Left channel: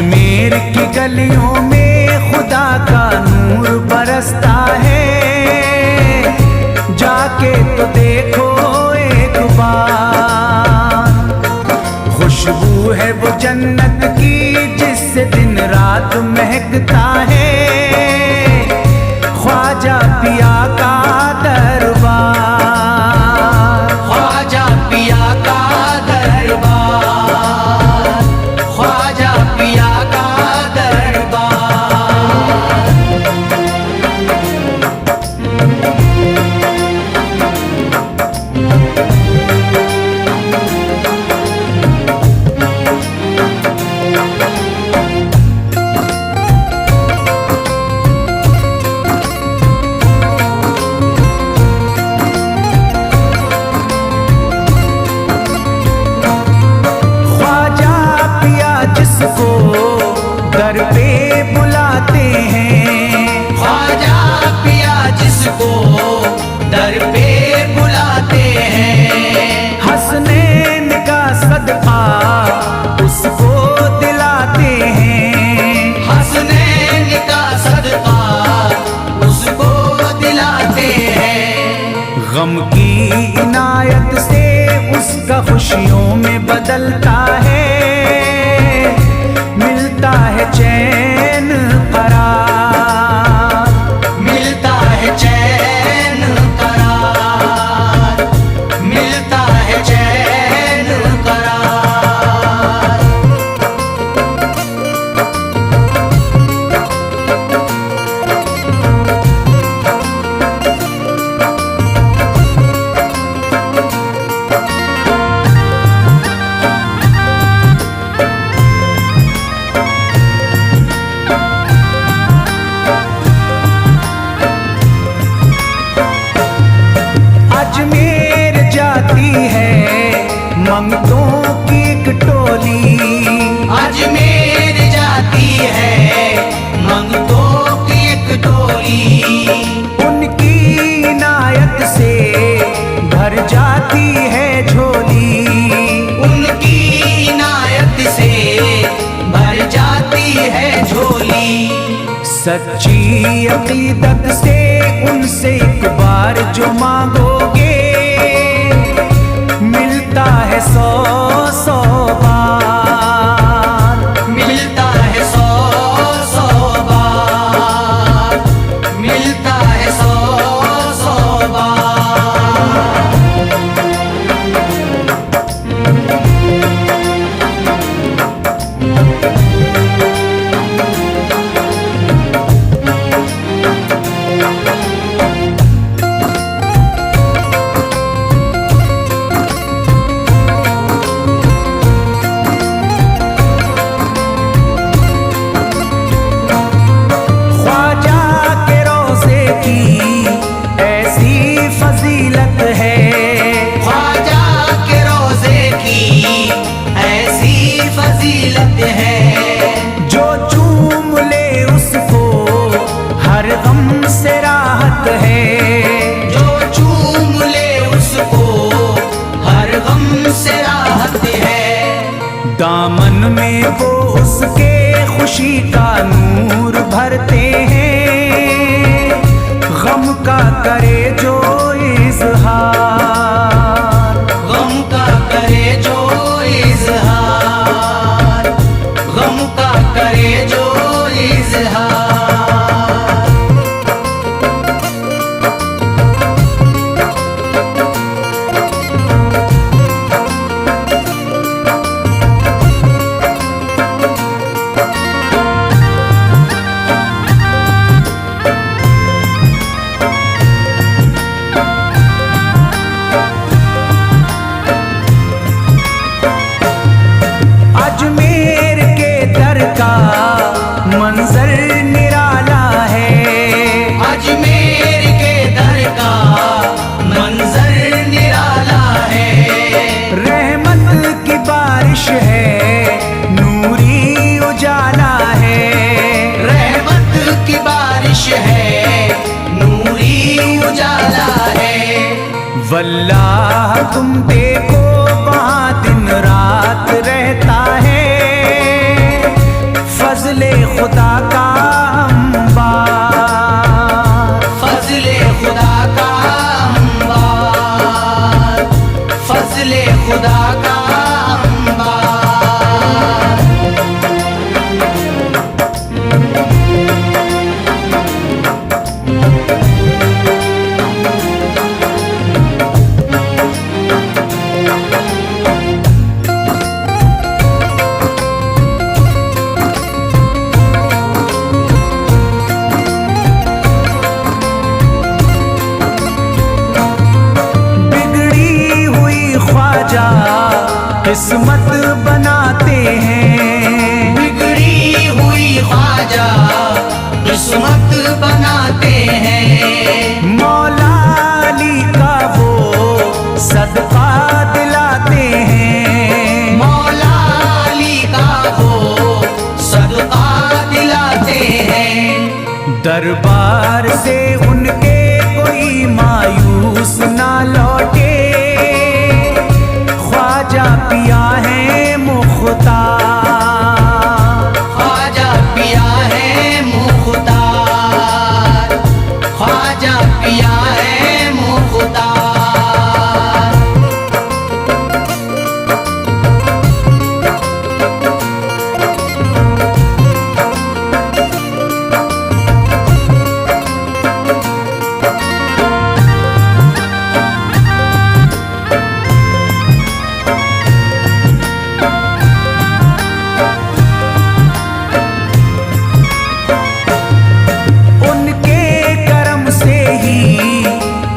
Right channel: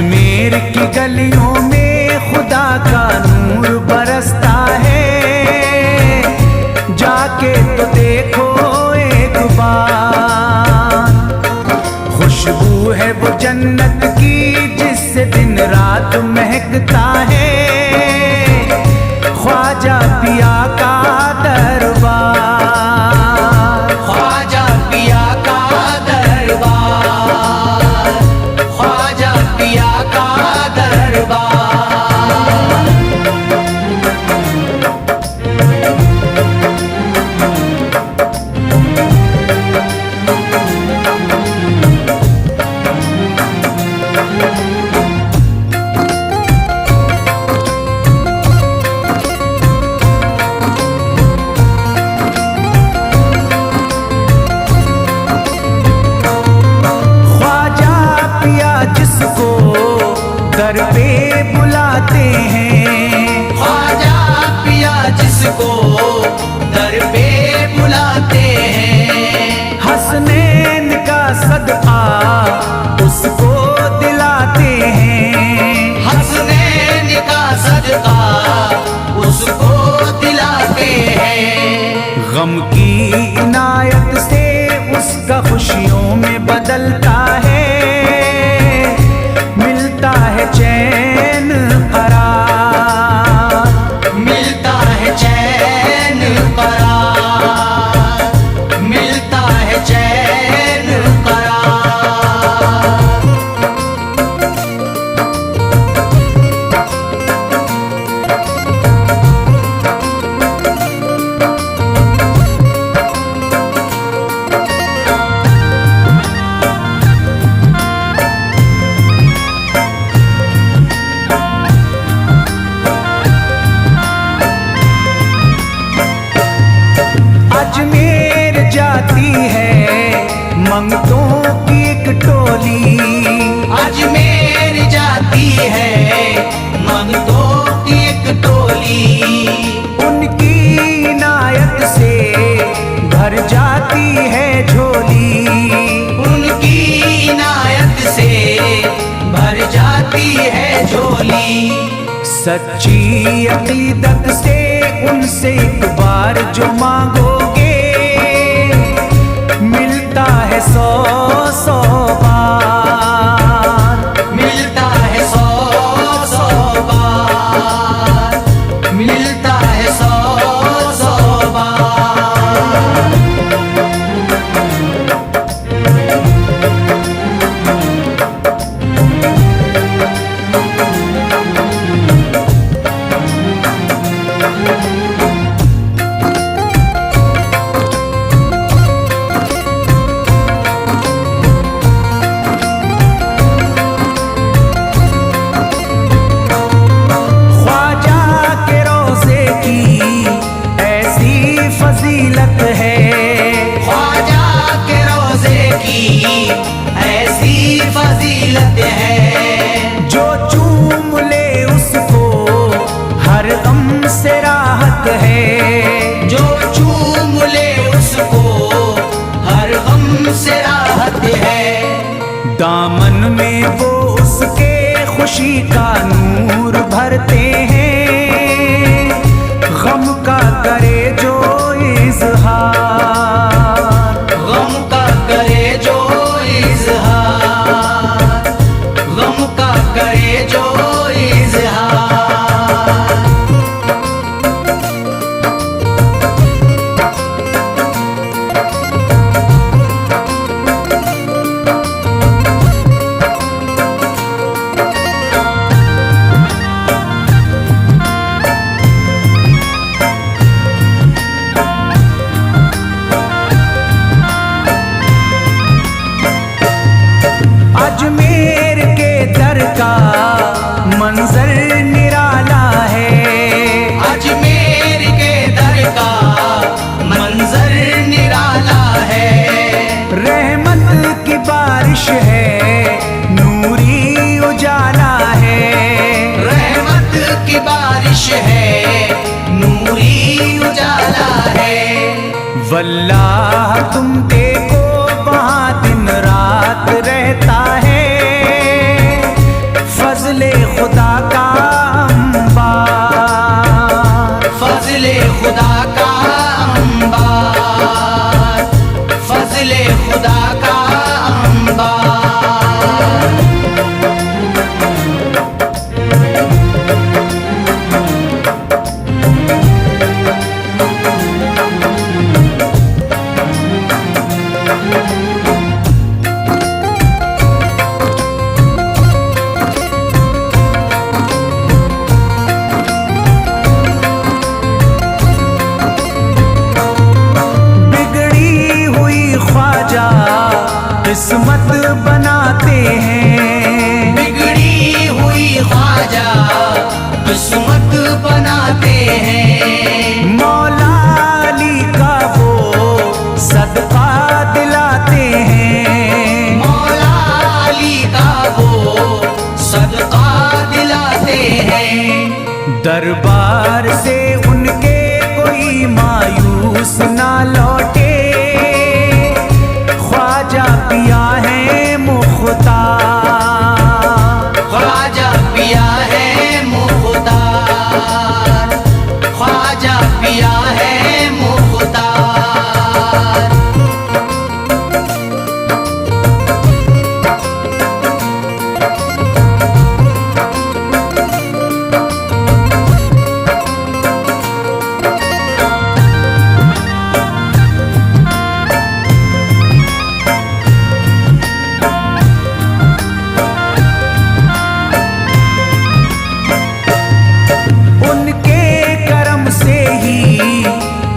अजमेर की गलियों में खुदा का नूर बरसता है, जाके तो देखो एक बार। खुशबू है वो जन्नत की जिससे दिन रात महकता है, ख्वाजा पिया का दरबार, ख्वाजा पिया का दरबार, ख्वाजा पिया का दरबार। जिसको दर पे बुलाते हैं, ख्वाजा पिया जिसको दर पे बुलाते हैं, हसनैन का सदका उसको दिलाते हैं, हसनैन का सदका उसको दिलाते हैं। गम की इनायत से उसका खुशियों में बदलता है, मिलता है चैन करार, मिलता है चैन करार, मिलता है चैन करार। अजमेर जाती है मंगतों की एक टोली, अजमेर जाती है मंगतों की एक टोली, उनकी इनायत से भर जाती है झोली, उनकी इनायत से भर जाती है झोली। सच्ची अकीदत से उनसे एक बार जो मांगोगे, मिलता है 100 बार, मिलता है 100 बार, मिलता है 100 बार। फजीलत है ख्वाजा के रोज़े की ऐसी फजीलत है, जो चूम ले उसको हर गम से राहत है, जो चूम ले उसको हर गम से राहत है। दामन में वो उसके खुशी का नूर भरते हैं, गम का करे जो इज़हार, गम का करे जो इज़हार, गम का करे जो इज़हार। अजमेर के दर का मंजर निराला है, अजमेर के दर का मंजर निराला है। रहमत की बारिश है, नूरी उजाला है, रहमत की बारिश है, नूरी उजाला है। वल्लाह तुम देखो वहाँ दिन रात रहता है, फजले खुदा का अंबार, फजले खुदा का अंबार, फजले खुदा का अंबार। किस्मत बनाते हैं, बिगड़ी हुई ख्वाजा किस्मत बनाते हैं। मौला अली का वो सदका दिलाते हैं, मौला अली का वो सदका दिलाते हैं। दरबार से उनके कोई मायूस ना लौटे, ख्वाजा पिया है मुख्तार, ख्वाजा पिया है मुख्तार, ख्वाजा पिया है मुख्तार।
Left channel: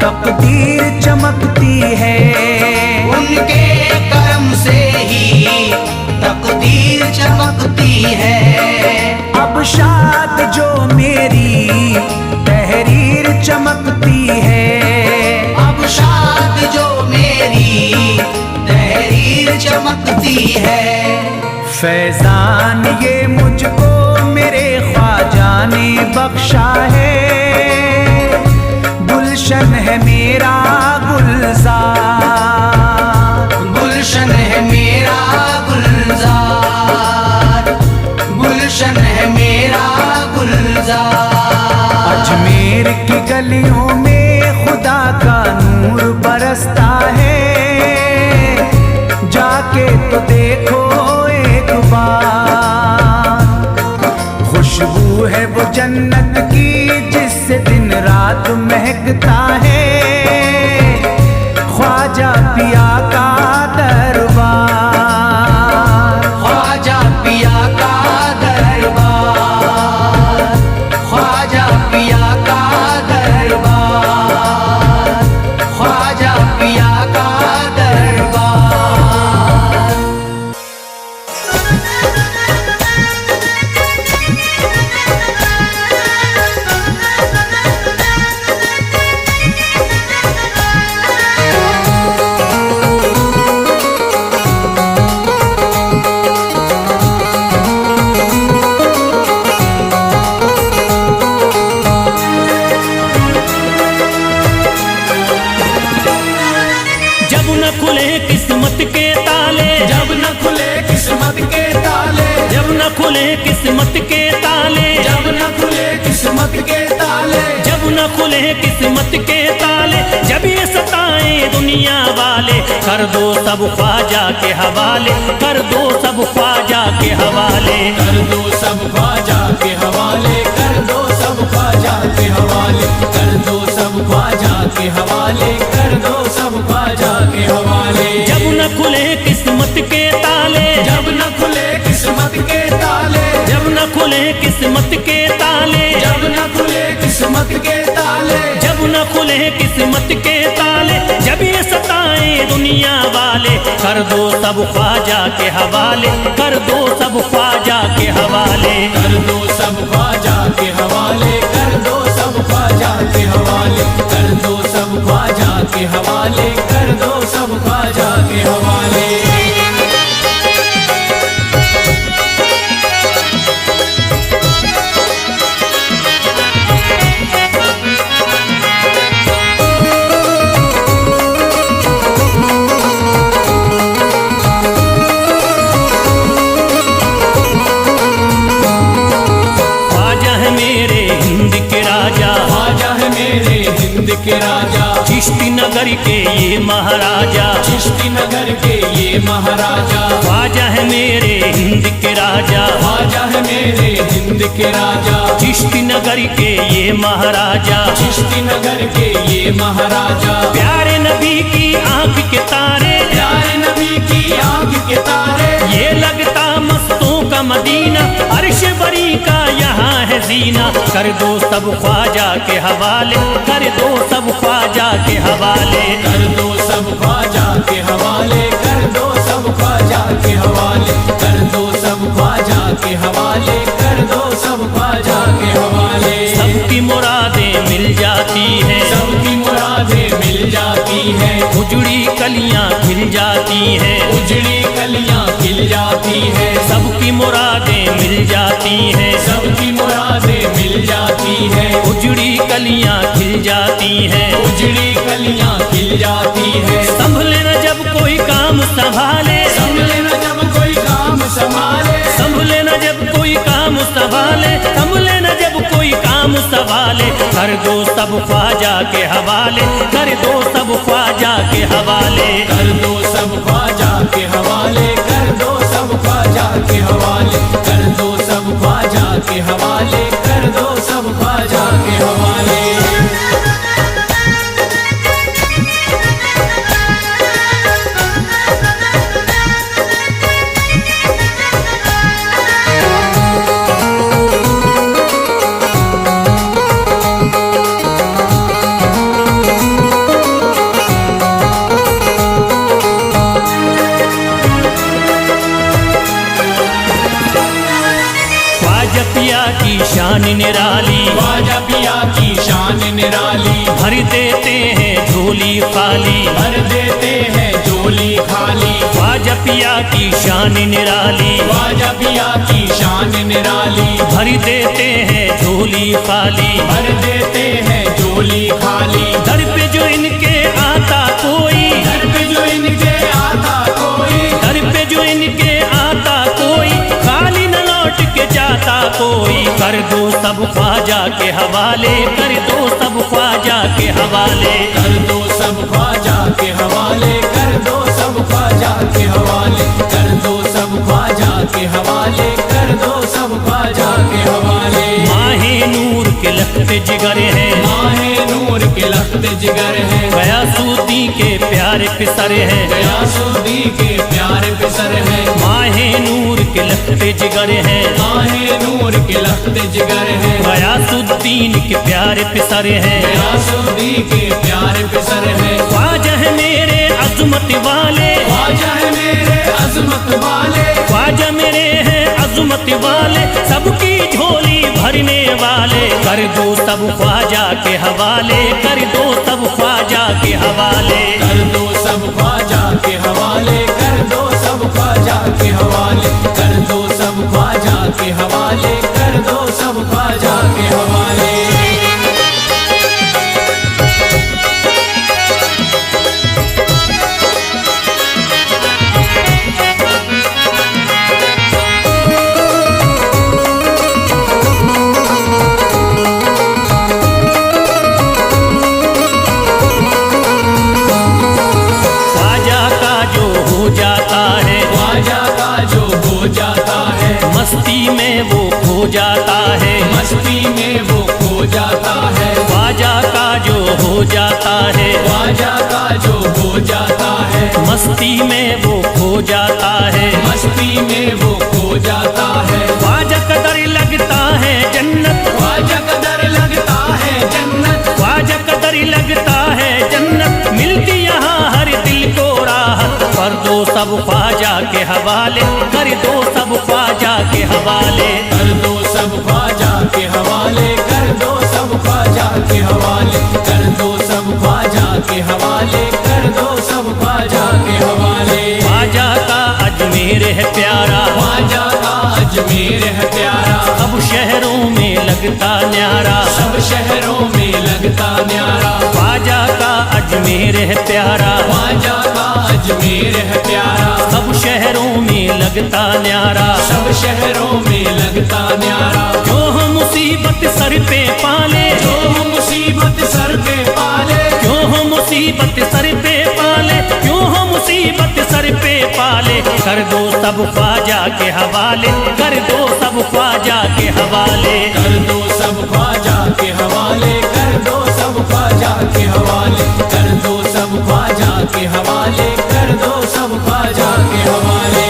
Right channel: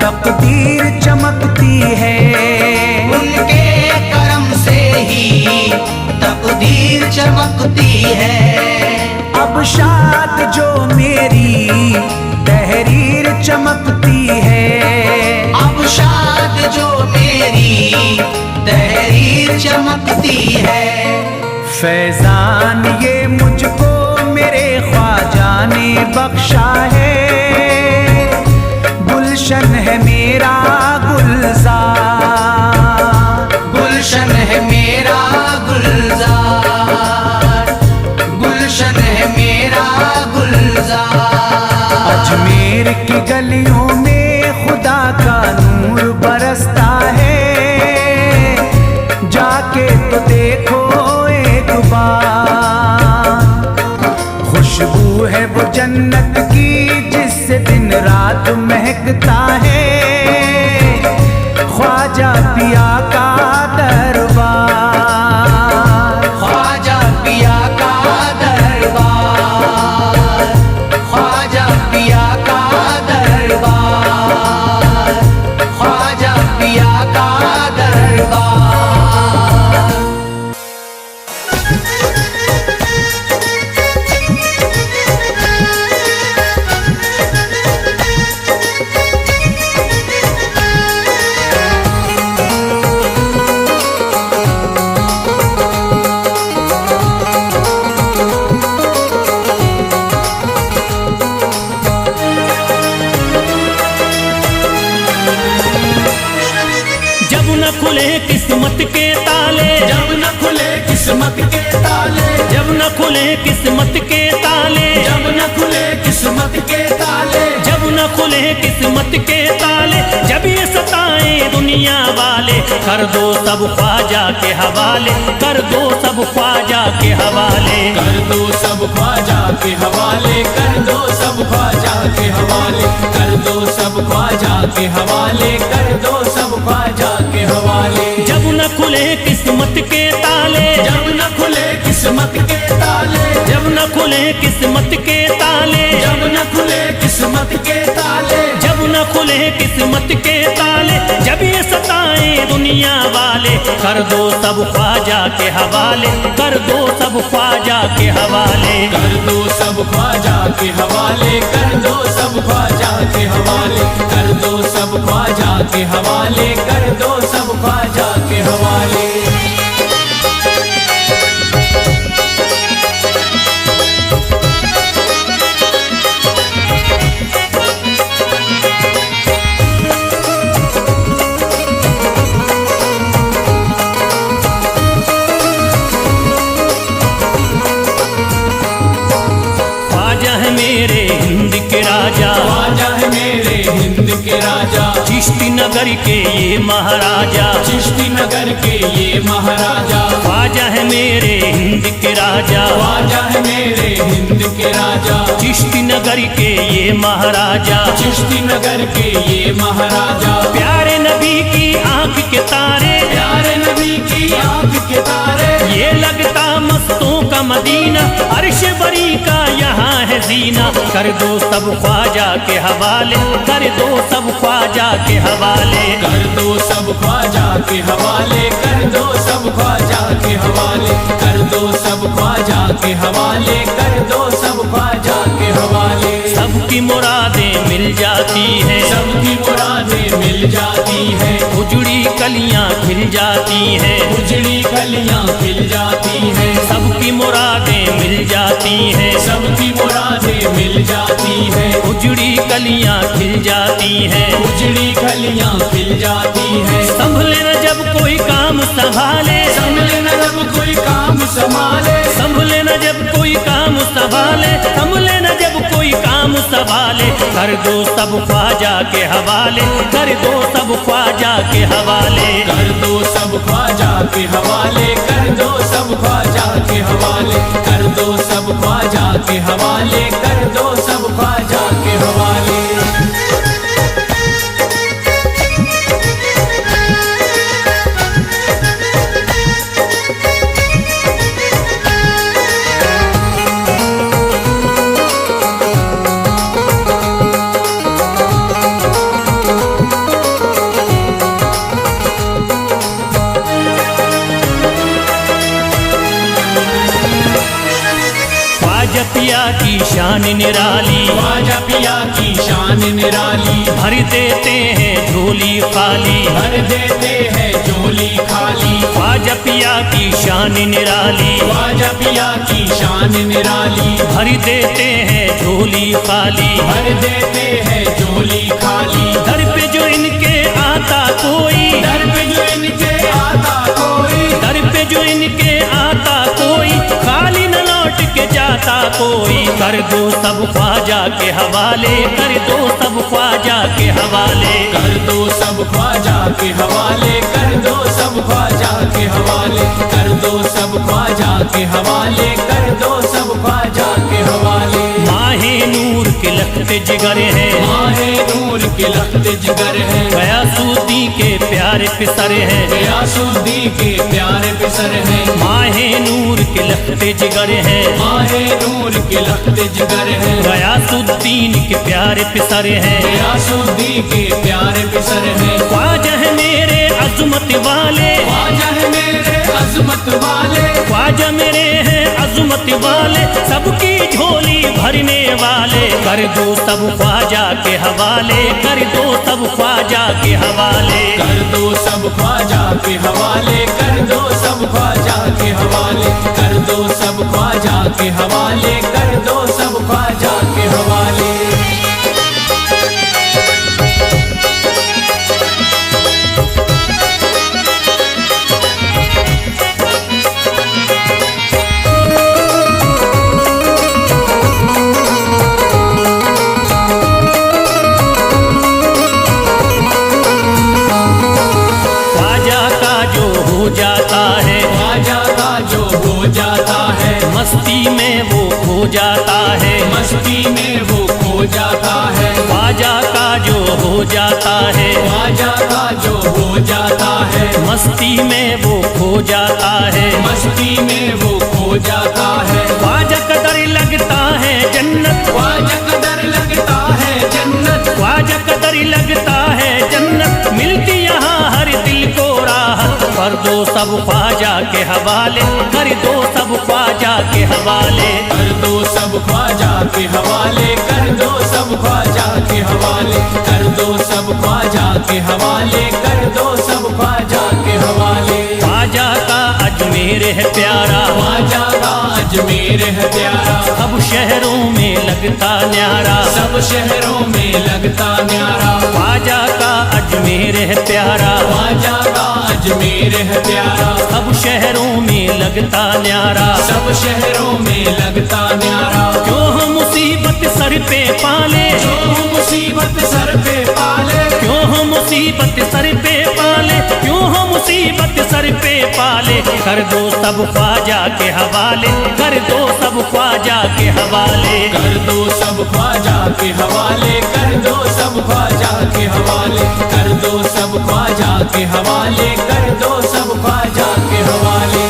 तकदीर चमकती है, उनके करम से ही तकदीर चमकती है। अब शाद जो मेरी तहरीर चमकती है, अब शाद जो मेरी तहरीर चमकती है। फैजान ये मुझको मेरे ख्वाजा ने बख्शा है, गुलशन है मेरा गुलजार, गुलशन है मेरा गुलजार, गुलशन है मेरा गुलजार। अजमेर की गलियों में खुदा का नूर बरसता है, जाके तो देखो एक बार। खुशबू है वो जन्नत की जिससे दिन रात महकता है, ख्वाजा पिया का दरबार, ख्वाजा पिया का दरबार, ख्वाजा पिया का दरबार, ख्वाजा पिया का दरबार। जब न खुले किस्मत के ताले, जब न खुले किस्मत के ताले, जब न खुले किस्मत के ताले, जब न खुले किस्मत के ताले, जब न खुले किस्मत के ताले, जब ये सताएं दुनिया वाले, कर दो सब ख्वाजा के हवाले, कर दो सब ख्वाजा के हवाले, कर दो सब ख्वाजा के हवाले, कर दो सब ख्वाजा के हवाले, कर दो सब ख्वाजा के हवाले, कर दो सब ख्वाजा के हवाले। जब न खुले किस्मत के ताले, जब न खुले किस्मत के ताले, जब न खुले किस्मत के ताले, जब न खुले किस्मत के ताले, जब न खुले किस्मत के ताले, जब ये सताएं दुनिया वाले, कर दो सब ख्वाजा के हवाले, कर दो सब ख्वाजा के हवाले, कर दो सब ख्वाजा के हवाले, कर दो सब ख्वाजा के हवाले, कर दो सब ख्वाजा के हवाले, कर दो सब ख्वाजा के हवाले। राजा, ख्वाजा है मेरे हिंद के राजा, चिश्ती नगर के ये महाराजा, चिश्ती नगर के ये महाराजा, ख्वाजा है मेरे हिंद के राजा, ख्वाजा है मेरे हिंद के राजा, चिश्ती नगर के ये महाराजा, चिश्ती नगर के ये महाराजा, प्यारे नबी की आंख के तारे, प्यारे नबी की आंख के तारे, ये लगता मस्तों का मदीना, अर्श बरी का यहाँ है जीना, कर दो सब ख्वाजा के हवाले, कर दो सब ख्वाजा के हवाले, कर दो सब ख्वाजा के हवाले, कर दो सब ख्वाजा के हवाले, कर दो सब ख्वाजा के हवाले, कर दो सब ख्वाजा के हवाले। सबकी मुरादें मिल जाती हैं, सबकी मुरादें मिल जाती हैं, उजड़ी कलियां खिल जाती हैं, उजड़ी कलियां खिल जाती हैं, सबकी मुरादें मिल जाती हैं, सबकी मुरादें मिल जाती हैं, उजड़ी कलियां खिल जाती हैं, उजड़ी कलियां खिल जाती हैं, संभले न जब कोई काम संभाले, संभले न जब कोई काम संभाले, संभले न जब कोई काम संभाले, संभले न जब कोई काम संभाले, कर दो सब ख्वाजा के हवाले, कर दो सब ख्वाजा के हवाले, कर दो सब ख्वाजा के हवाले, कर दो सब ख्वाजा के हवाले, कर दो सब ख्वाजा के हवाले, कर दो सब ख्वाजा के हवाले। ख्वाजा पिया की शान निराली, ख्वाजा पिया की शान निराली, भर देते हैं झोली खाली, भर देते हैं झोली खाली, ख्वाजा पिया की शान निराली, ख्वाजा पिया की शान निराली, भर देते हैं झोली खाली, भर देते हैं झोली खाली, दर पे जो इनके आता कोई, दर पे जो इनके आता कोई, दर पे जो इनके आता कोई, खाली न लौट के जाता कोई, कर दो सब ख्वाजा के हवाले, कर दो सब ख्वाजा के हवाले, कर दो सब ख्वाजा के हवाले, कर दो सब ख्वाजा के हवाले, कर दो सब ख्वाजा के हवाले, कर दो सब ख्वाजा के हवाले। माहे नूर के लखते जिगर हैं, माहे नूर के लखते जिगर हैं, गयासुद्दी के प्यारे पिसर हैं, गयासुद्दी के प्यारे पिसर हैं, माहे नूर के लखते जिगर हैं, माहे नूर के लखते जिगर हैं, गयासुद्दीन के प्यारे पिसर हैं, गयासुद्दी के प्यारे पिसर हैं, ख्वाजा है मेरे अजमत वाले, ख्वाजा है मेरे अजमत वाले, ख्वाजा मेरे हैं अजमत वाले, सबकी झोली भरने वाले, कर दो सब ख्वाजा के हवाले, कर दो सब ख्वाजा के हवाले, कर दो सब ख्वाजा के हवाले, कर दो सब ख्वाजा के हवाले, कर दो सब ख्वाजा के हवाले, कर दो सब ख्वाजा के हवाले। हो जाता है, ख्वाजा का जो हो जाता है, मस्ती में वो खो जाता है, मस्ती में वो खो जाता है, ख्वाजा का जो हो जाता है, ख्वाजा का जो हो जाता है, मस्ती में वो खो जाता है, मस्ती में वो खो जाता है, ख्वाजा कदर लगता है जन्नत, ख्वाजा कदर लगता है जन्नत, ख्वाजा कदर लगता है जन्नत, मिलती यहाँ हर दिल को राहत, कर दो सब ख्वाजा के हवाले, कर दो सब ख्वाजा के हवाले, कर दो सब ख्वाजा के हवाले, कर दो सब ख्वाजा के हवाले, कर दो सब ख्वाजा के हवाले, कर दो सब ख्वाजा के हवाले। ख्वाजा का अजमेर है प्यारा, ख्वाजा का अजमेर है प्यारा, सब शहरों में लगता न्यारा, सब शहरों में लगता न्यारा, ख्वाजा का अजमेर है प्यारा, ख्वाजा का अजमेर है प्यारा, सब शहरों में लगता न्यारा, सब शहरों में लगता न्यारा। क्यों हम मुसीबत सर पे पाले, जो मुसीबत सर पे पाले, क्यों हम मुसीबत सर पे पाले, क्यों हम मुसीबत सर पे पाले। कर दो सब ख्वाजा के हवाले, कर दो सब ख्वाजा के हवाले। कर दो सब ख्वाजा के हवाले, कर दो सब ख्वाजा के हवाले, कर दो सब ख्वाजा के हवाले, कर दो सब ख्वाजा के हवाले।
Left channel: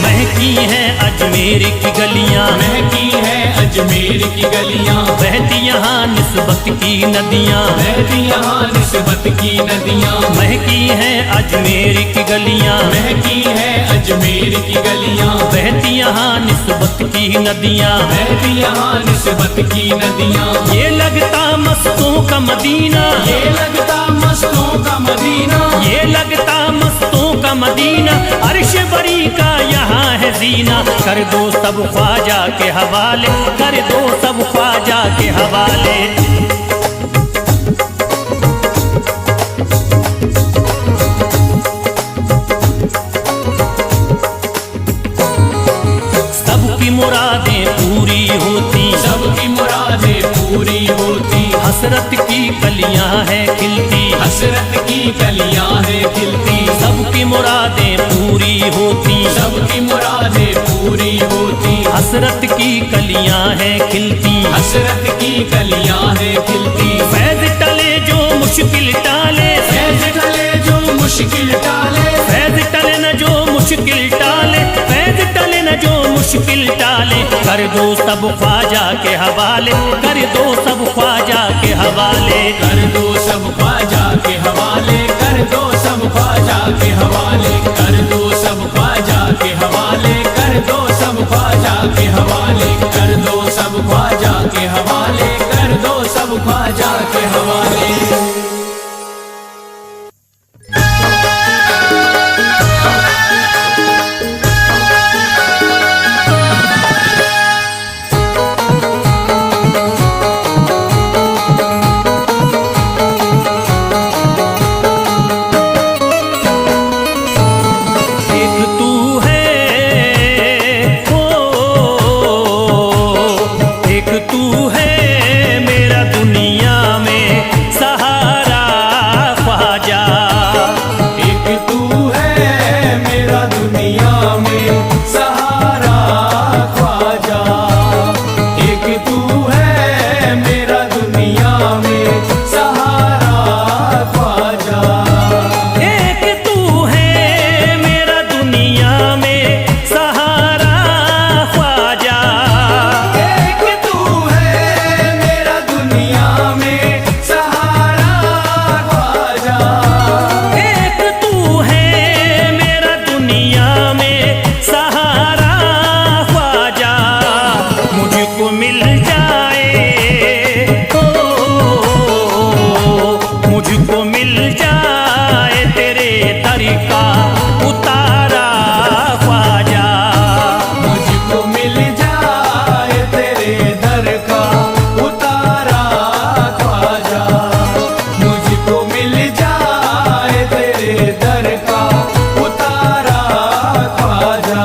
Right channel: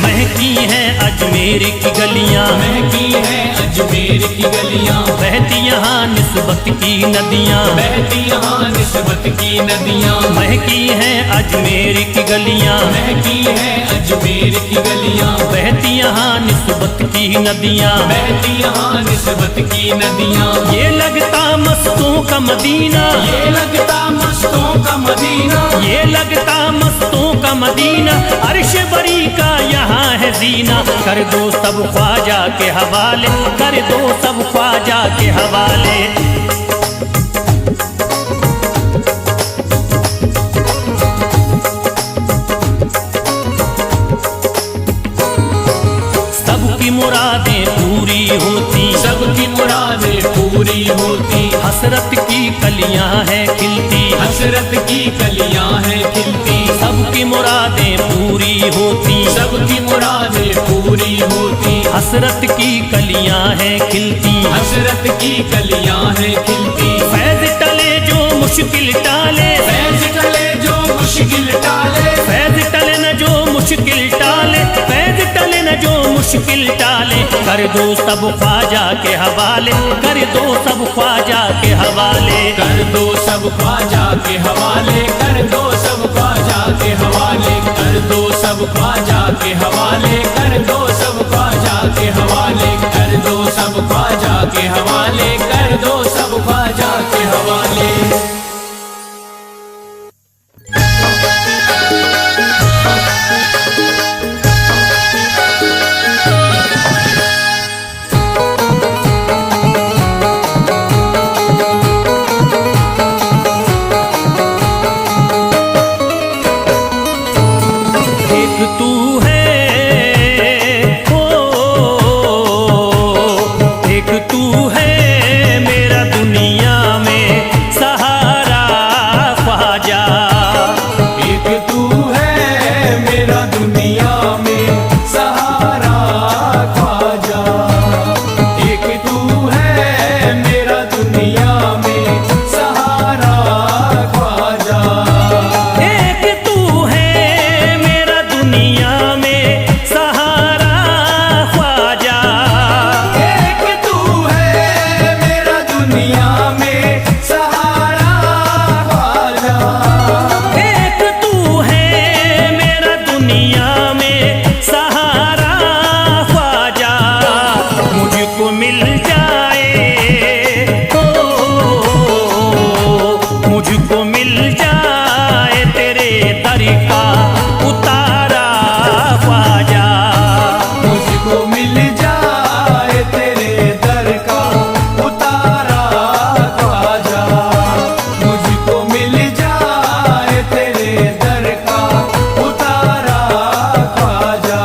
महकी हैं अजमेर की गलियां, महकी है अजमेर की गलियां, बहती यहाँ निस्बत की नदियां, बहती यहाँ निस्बत की नदियां। महकी हैं अजमेर की गलियां, महकी है अजमेर की गलियां, बहती यहाँ निस्बत की नदियां। बहती यहाँ निस्बत की नदियां। ये लगता मस्तों का मदीना, ये लगता मस्तों का मदीना, ये लगता मस्तों का मदीना, अर्श बरी का यहाँ है जीना। कर दो सब ख्वाजा के हवाले, कर दो सब ख्वाजा के हवाले। सबकी मुरादें पूरी होती, सबकी मुरादें पूरी होती, हसरत की कलियां हैं खिलती, हसरत की कलियां हैं खिलती। सबकी मुरादें पूरी होती, सबकी मुरादें पूरी होती, हसरत की कलियां हैं खिलती। हसरत की कलियां हैं खिलती। फैज टले जो मुश्किल टाले, फैज टले जो मुश्किल टाले, फैज टले न जो मुश्किल टाले, फैज टले न जो मुश्किल टाले। कर दो सब ख्वाजा के हवाले, कर दो सब ख्वाजा के हवाले। कर दो सब ख्वाजा के हवाले, कर दो सब ख्वाजा के हवाले, कर दो सब ख्वाजा के हवाले, कर दो सब ख्वाजा के हवाले, कर दो सब ख्वाजा के हवाले, कर दो सब ख्वाजा के हवाले। एक तू है ओ, एक तू है मेरा दुनिया में सहारा ख्वाजा। एक तू है मेरा दुनिया में सहारा ख्वाजा, एक तू है मेरा दुनिया में सहारा ख्वाजा। एक तू है मेरा दुनिया में सहारा ख्वाजा। एक तू है मेरा दुनिया में सहारा ख्वाजा, एक तू है मेरा दुनिया में सहारा ख्वाजा। मुझको मिल जाए ओ, मुझको मिल जाए तेरे दर का उतारा ख्वाजा। मुझको मिल जाए तेरे दर का उतारा ख्वाजा, मुझको मिल जाए तेरे दर का उतारा ख्वाजा।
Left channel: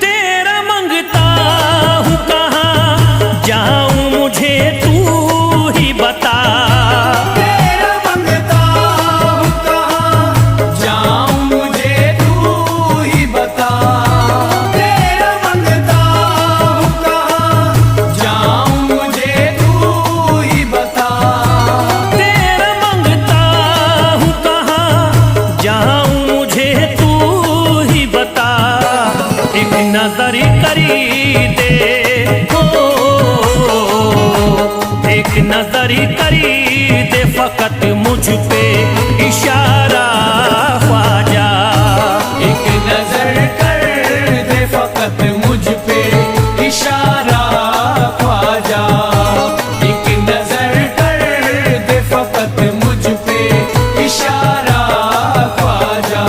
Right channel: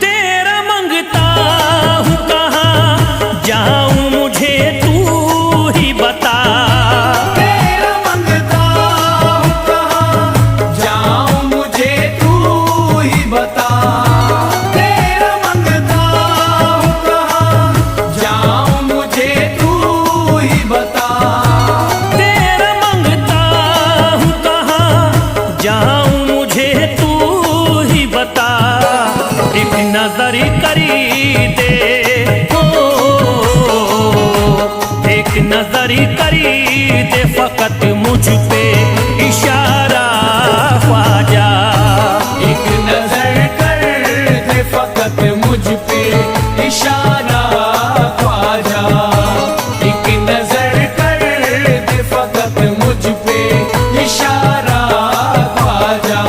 तेरा मंगता हूँ कहाँ जाऊँ मुझे तू ही बता। तेरा मंगता हूँ कहाँ जाऊँ मुझे तू ही बता। तेरा मंगता हूँ कहाँ जाऊँ मुझे तू ही बता। तेरा मंगता हूँ कहाँ जाऊँ मुझे तू ही बता। एक नजर करी दे हो, नजर करी दे फकत मुझ पे इशारा ख्वाजा। एक नजर कर दे फकत मुझ पे इशारा ख्वाजा। एक नजर कर दे फकत मुझ पे इशारा ख्वाजा।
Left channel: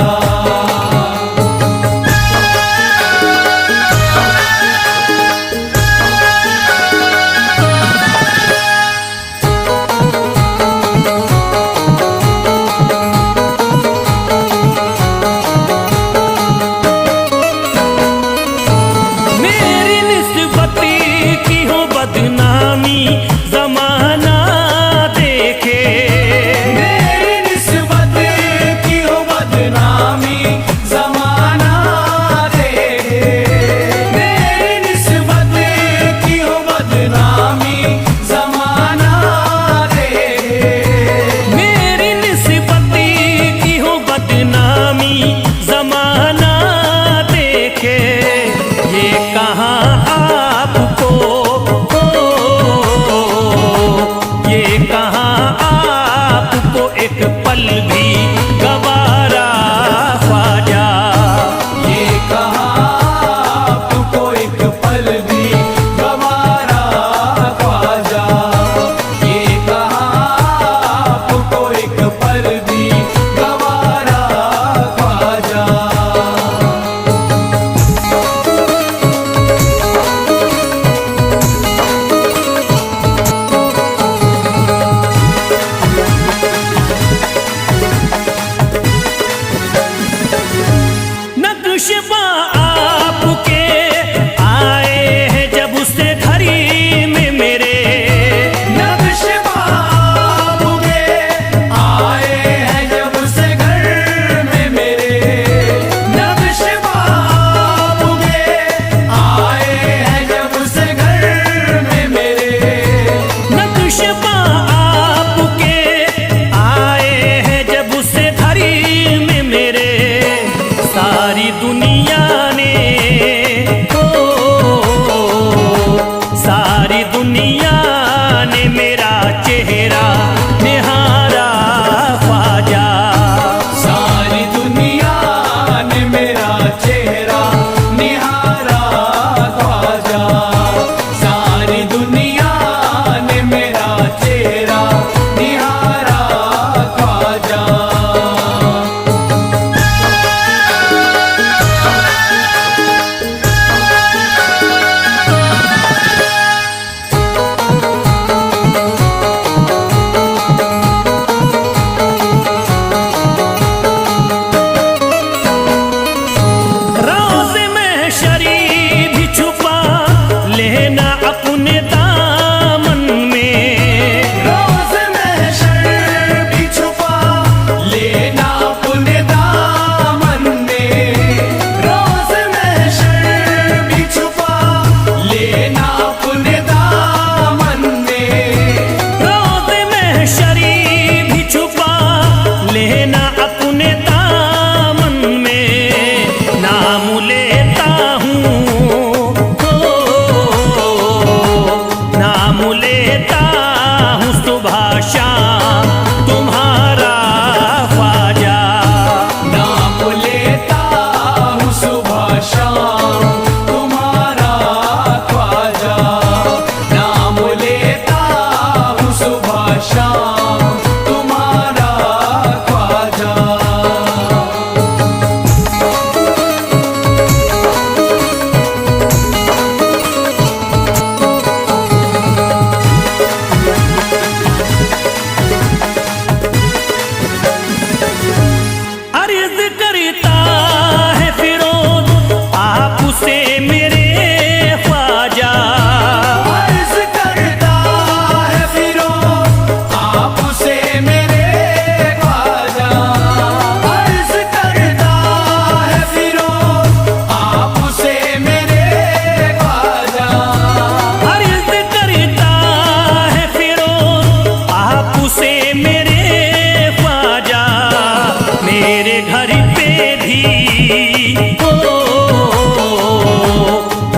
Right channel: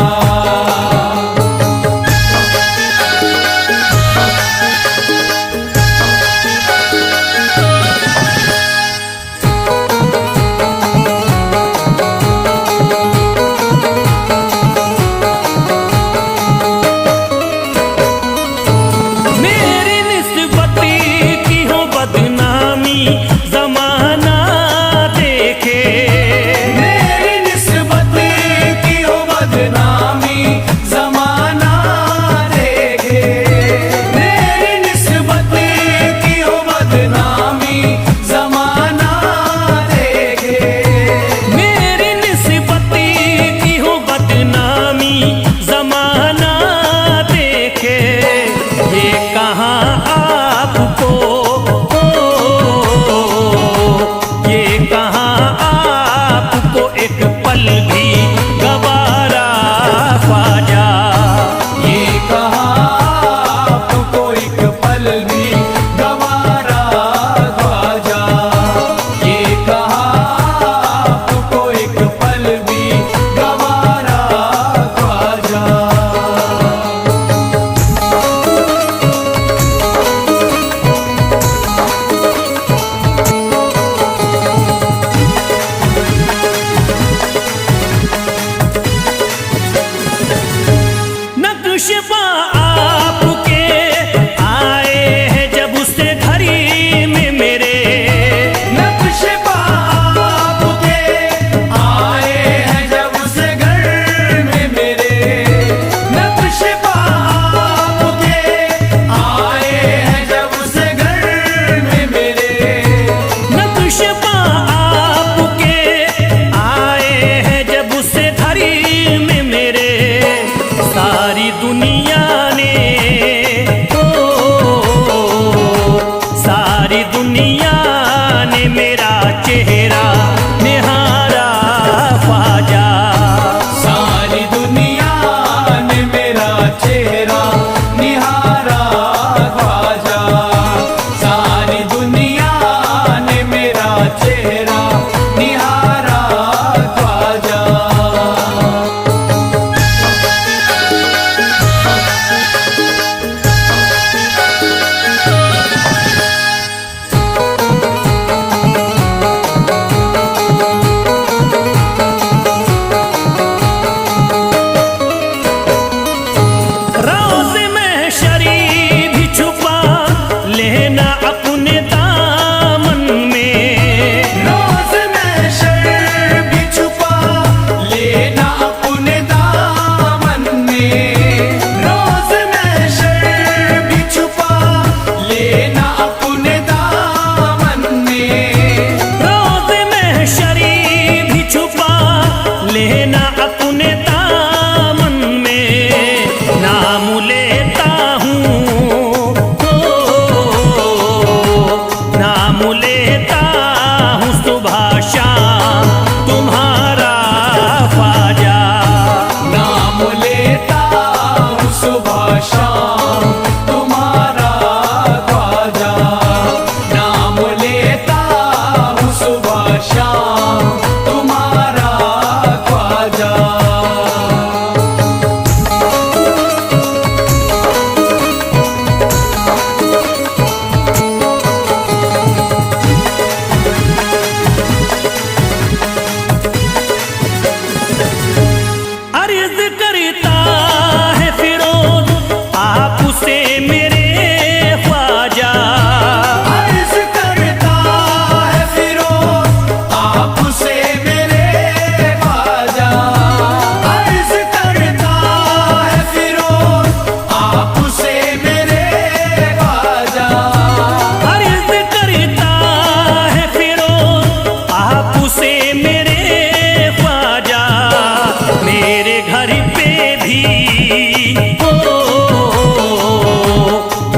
मेरी निस्बती की हो बदनामी जमाना देखे। मेरी निस्बत की हो बदनामी जमाना देखे। मेरी निस्बत की हो बदनामी जमाना देखे। मेरी निस्बती की हो बदनामी जमाना देखे। ये कहाँ आपको ये कहाँ आपको एक पल भी गवारा ख्वाजा। ये कहाँ आपको एक पल भी गवारा ख्वाजा। ये कहाँ आपको एक पल भी गवारा ख्वाजा। नक्शबा आपके आए हैं जब उससे घड़ी में मेरे। नक्शबा आपके आए हैं जब उस घर में मेरे। नक्शबा आपके आए हैं जब उस घर में मेरे। नक्शबा आपके आए हैं जब उससे घड़ी में मेरे। सारी दुनिया ने सारी दुनिया ने मेरा चेहरा निहारा ख्वाजा। सारी दुनिया ने मेरा चेहरा निहारा ख्वाजा। सारी दुनिया ने मेरा चेहरा निहारा ख्वाजा। रोज़ में शरीफ भी छुपा लेना अपने दामन में। रोज़ महशर भी छुपा लेना अपने दामन में। रोज़ महशर भी छुपा लेना अपने दामन में। रोज़ में शरीफ भी छुपा लेना अपने दामन में। नाम लेता हूँ नाम लेता हूँ सुबह शाम तुम्हारा ख्वाजा। नाम लेता हूँ सुबह शाम तुम्हारा ख्वाजा। नाम लेता हूँ सुबह शाम तुम्हारा ख्वाजा। अर्ज करता है फिरोज आपसे मेरे ख्वाजा। अर्ज करता है फिरोज आपसे मेरे ख्वाजा। अर्ज करता है फिरोज आपसे मेरे ख्वाजा। अर्ज करता है फिरोज आपसे मेरे ख्वाजा। मेरे घर पे भी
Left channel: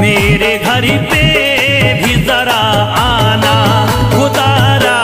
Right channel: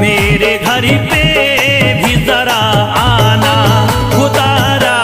मेरे घर पे भी जरा आना खुदारा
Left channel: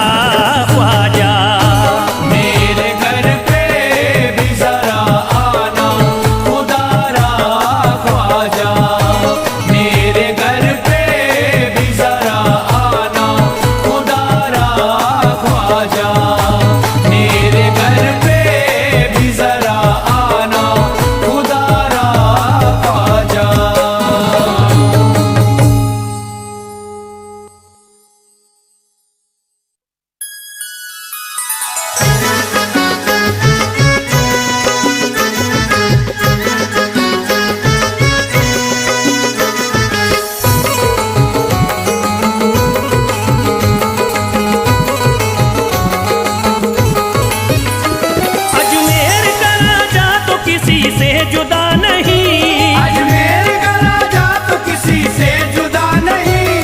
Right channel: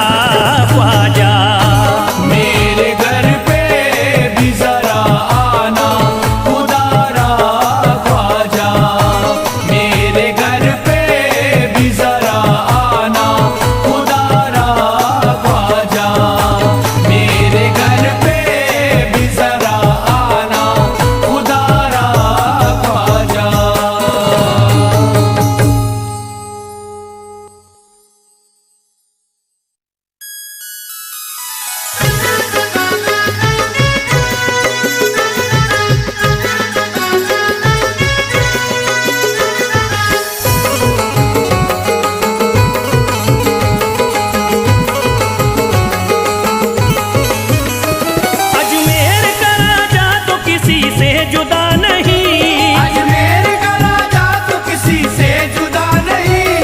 जुदा नहीं। अजमेर का राजा तो किसी से जुदा नहीं,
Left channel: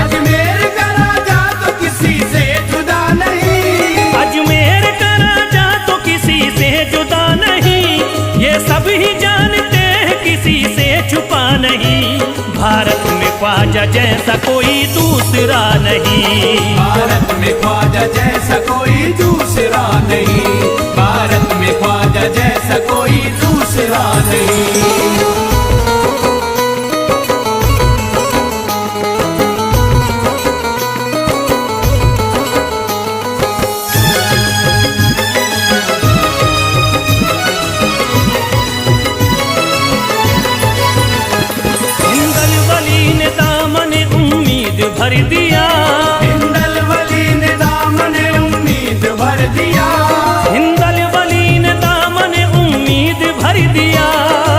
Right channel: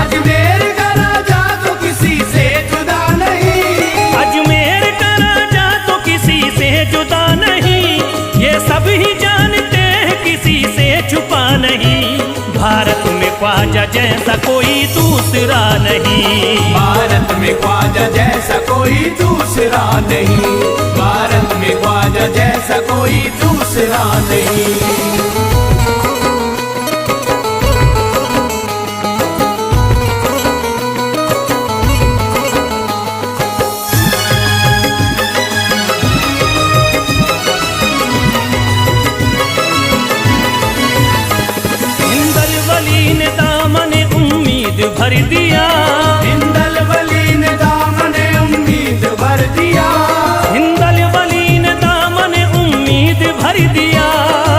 अजमेर का राजा तो किसी से जुदा नहीं, अजमेर का राजा तो किसी से जुदा नहीं, ये सब ही जानते हैं किसी से छुपा नहीं। भारत में ख्वाजा जैसा कोई दूसरा नहीं, भारत में ख्वाजा जैसा कोई दूसरा नहीं, भारत में ख्वाजा जैसा कोई दूसरा नहीं। हिंदल वली ने दामन उम्मीद भर दिया, हिंदल वली ने दामन उम्मीद भर दिया, हिंदल वली ने दामन उम्मीद भर दिया,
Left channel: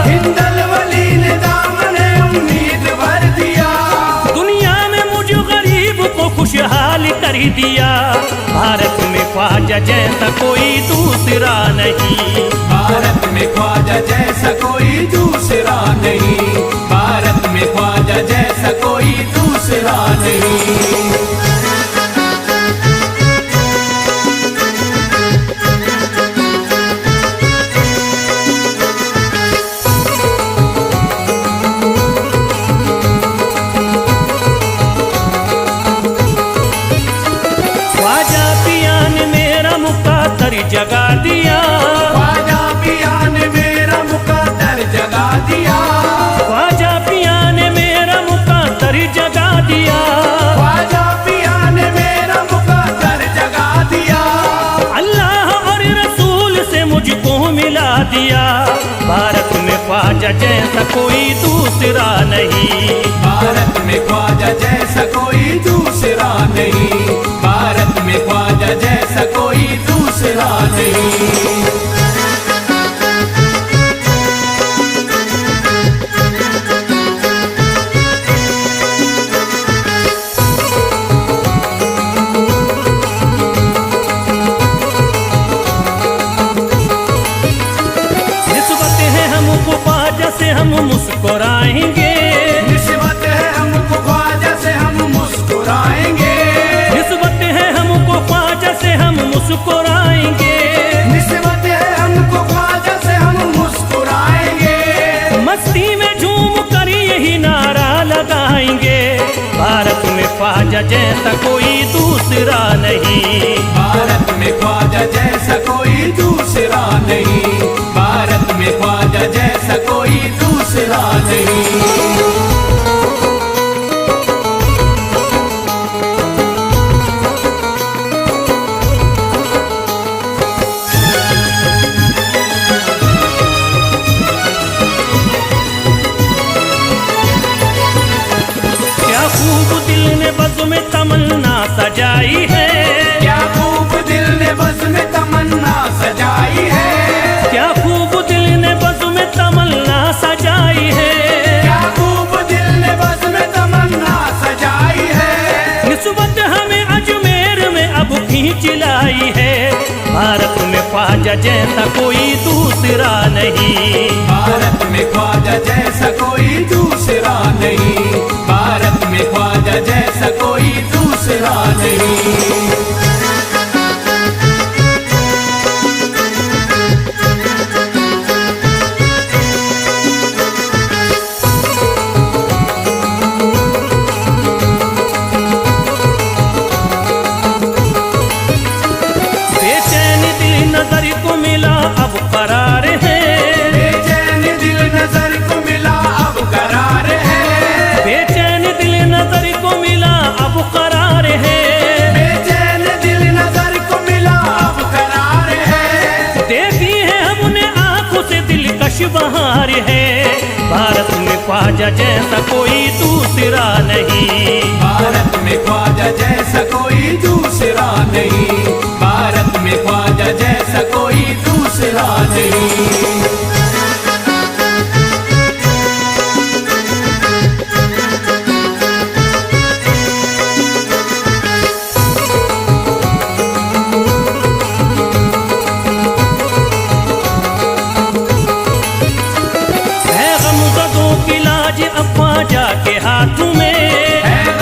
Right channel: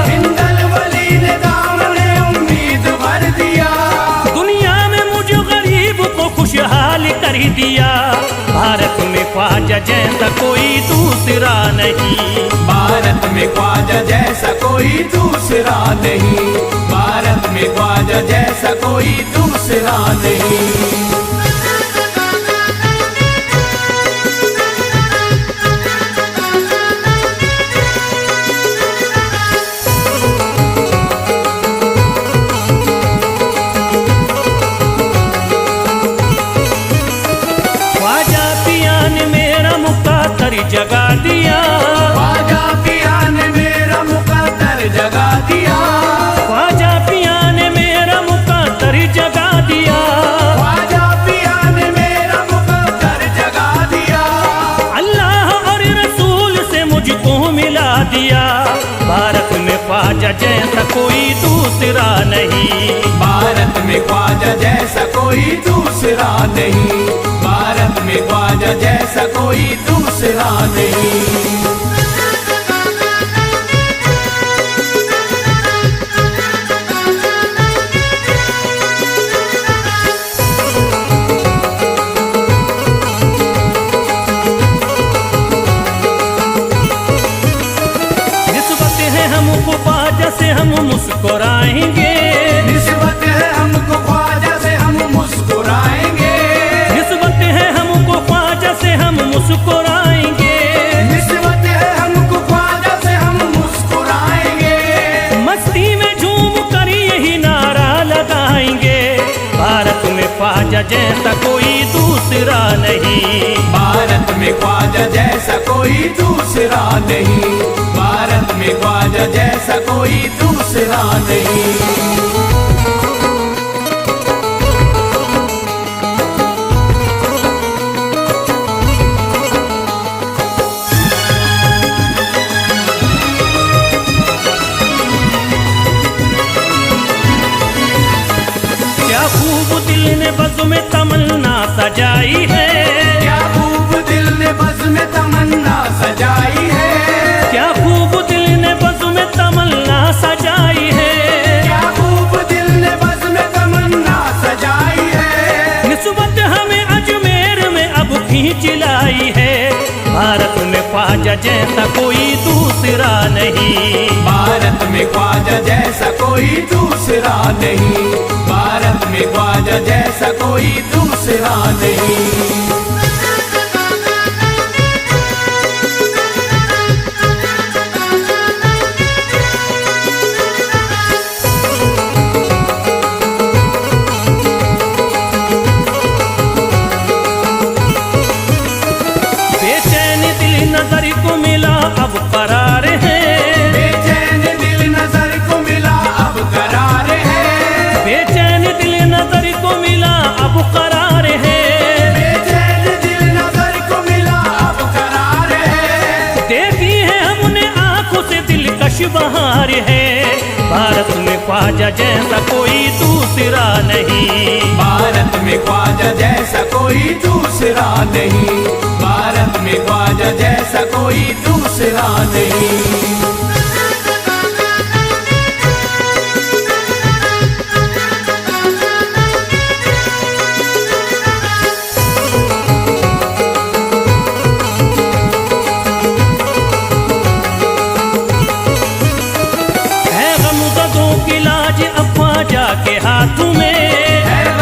हिंदल वली ने दामन उम्मीद भर दिया, दुनिया में मुझ गरीब को खुशहाल कर दिया। भारत में ख्वाजा जैसा कोई दूसरा नहीं, भारत में ख्वाजा जैसा कोई दूसरा नहीं, भारत में ख्वाजा जैसा कोई दूसरा नहीं। ख्वाजा पिया ने मेरा मुक़द्दर जगा दिया, ख्वाजा पिया ने मेरा मुक़द्दर जगा दिया, ख्वाजा पिया ने मेरा मुक़द्दर जगा दिया, ख्वाजा पिया ने मेरा मुक़द्दर जगा दिया, अल्लाह और रसूल से मुझको मिला दिया। भारत में ख्वाजा जैसा कोई दूसरा नहीं, भारत में ख्वाजा जैसा कोई दूसरा नहीं, भारत में ख्वाजा जैसा कोई दूसरा नहीं। निस्बत है हमको ख्वाजा से हम मुस्कुराएंगे, निस्बत है हमको ख्वाजा से हम मुस्कुराएंगे, निस्बत है हमको ख्वाजा से हम मुस्कुराएंगे, निस्बत है हमको ख्वाजा से हम मुस्कुराएंगे, मस्ती में झूम कर यही नारा लगाएंगे। भारत में ख्वाजा जैसा कोई दूसरा नहीं, भारत में ख्वाजा जैसा कोई दूसरा नहीं, भारत में ख्वाजा जैसा कोई दूसरा नहीं। क्या खूब दिल ने बज़्म में तमन्ना सजाई है, क्या खूब दिल ने बज़्म में तमन्ना सजाई है, क्या खूब दिल ने बज़्म में तमन्ना सजाई है, क्या खूब दिल ने बज़्म में तमन्ना सजाई है, निस्बत हमें अजमेर में अब खींच लाई है। भारत में ख्वाजा जैसा कोई दूसरा नहीं, भारत में ख्वाजा जैसा कोई दूसरा नहीं, भारत में ख्वाजा जैसा कोई दूसरा नहीं। बेचैन दिल नजर को मिला अब करार है, बेचैन दिल नजर को मिला अब करार है, बेचैन दिल नजर को मिला अब करार है, बेचैन दिल नजर को मिला अब करार है, देखी है हमने आंखों से दिलकश बहार है। भारत में ख्वाजा जैसा कोई दूसरा नहीं, भारत में ख्वाजा जैसा कोई दूसरा नहीं, भारत में ख्वाजा जैसा कोई दूसरा नहीं। ख्वाजा के हाथ में। है